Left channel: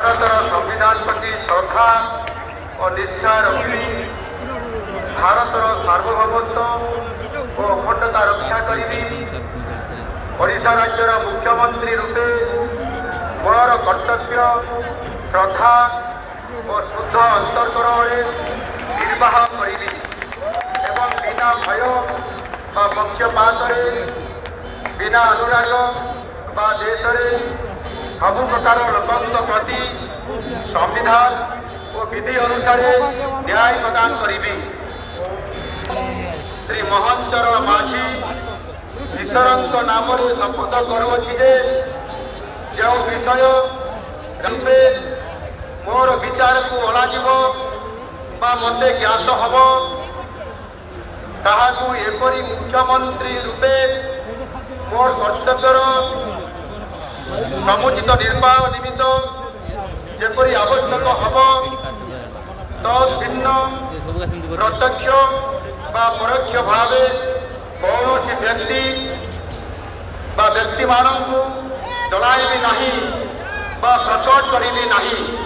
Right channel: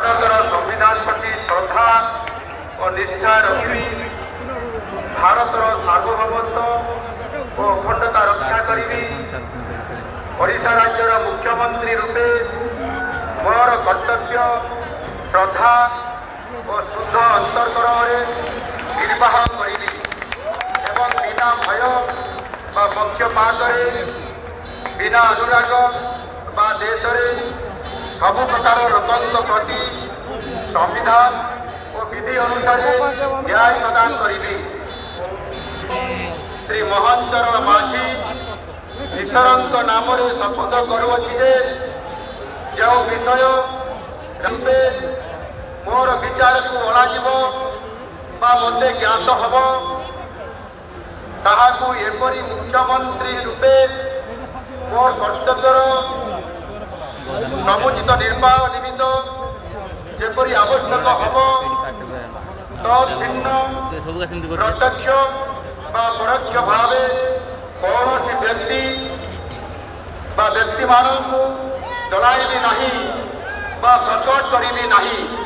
भारतर संविधान प्रति श्रद्धा और निष्ठा रखी भारतर सार्वभौमत्व और अखंडता रक्षा करी ओडिशा राज्यर मुख्यमंत्री रूपे मोर कर्तव्य श्रद्धा और शुद्ध अंतर्करण निर्वाह करी बिना भय पक्षपात बिना अनुराग देश सबु प्रकार लोकों प्रति संविधान और विधि अनुसार न्याय प्रदान करी श्री महंचर माझी ईश्वर नाम शपथ करुच्छी जो विषय रूपे मोर विचार को अणाजिब मते ज्ञात हम ताहाकू एपरी मुख्यमंत्री रूपे मोर कर्तव्यर समुचित निर्वाह निमित्त जेपरी आवश्यक हम तद्भिन्न प्रत्यक्ष परोक्ष भाव कौन व्यक्ति व्यक्ति मानू जलाई भी नहीं प्रकट करी भी नहीं।